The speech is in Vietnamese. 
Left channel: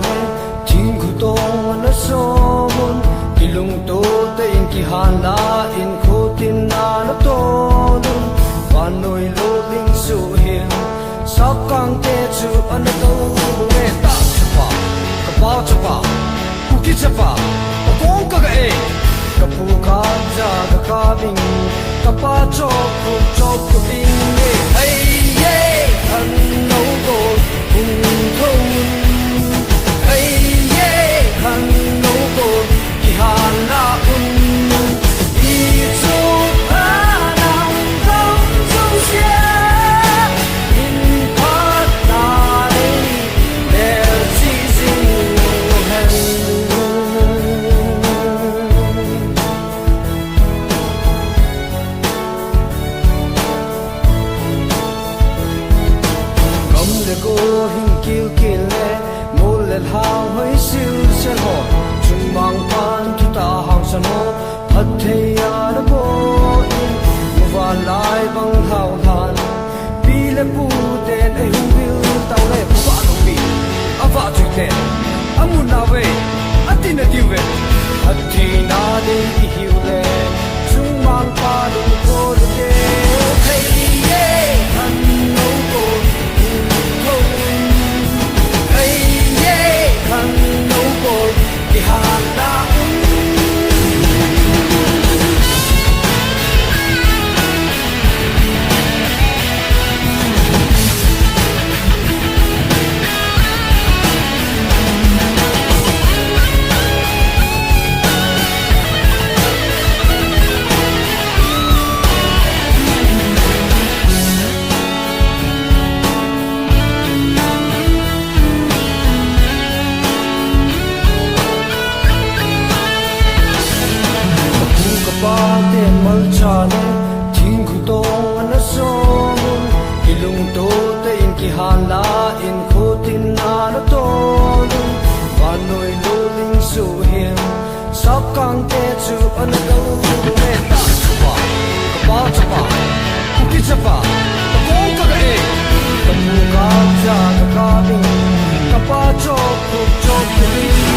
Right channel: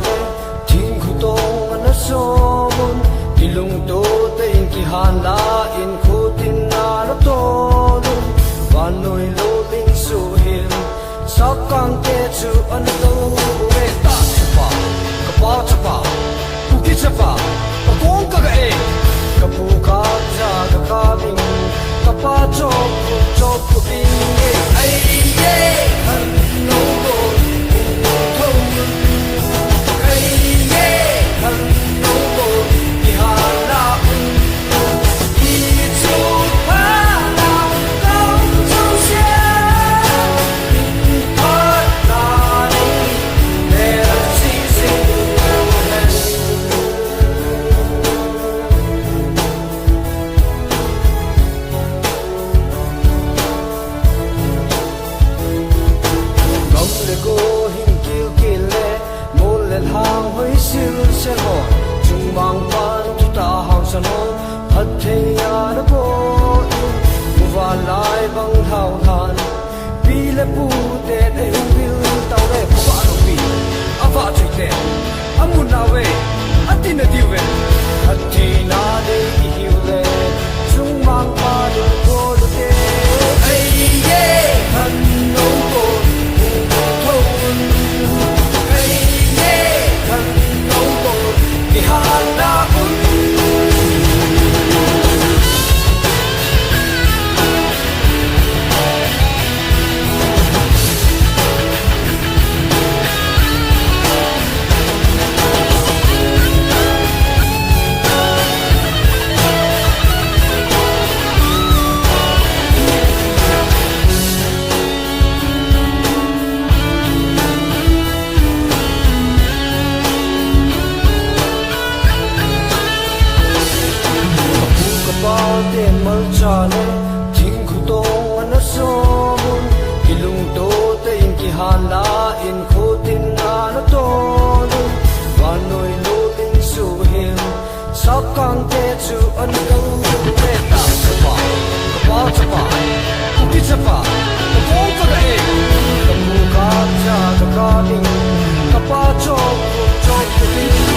chane thing khu to na som ki lung to te in ki han la in khu tin na lo to ban noi lo ling su hin sap kan te chu an to bo e ta pa ka pa tu ki cha pa kong ka ga e ka pu ka ja ka ding ka pa chok ku bi ai ye han no do in thong ai ye han no do ki ha la i chu pa na long song xia in pa ta le si si hang hai sim se ho chung mang pan tu ta hang san ho hat the ya de bo mu va lai bang hao han pi le pu te ne hu ta le pa no pi a va ti te a mu na we a ti na ti we hat thi na de ki hi le chung mang pa do ko de hey yeah han no ko ki ha la chane thing khu to na som ki lung to te in ki han la in khu tin na lo to ban noi lo ling su hin sap kan te chu an ko ko e ta pa ku ki cha pa ko ka ga e ka mu ga ja ka ni ka pa cho ku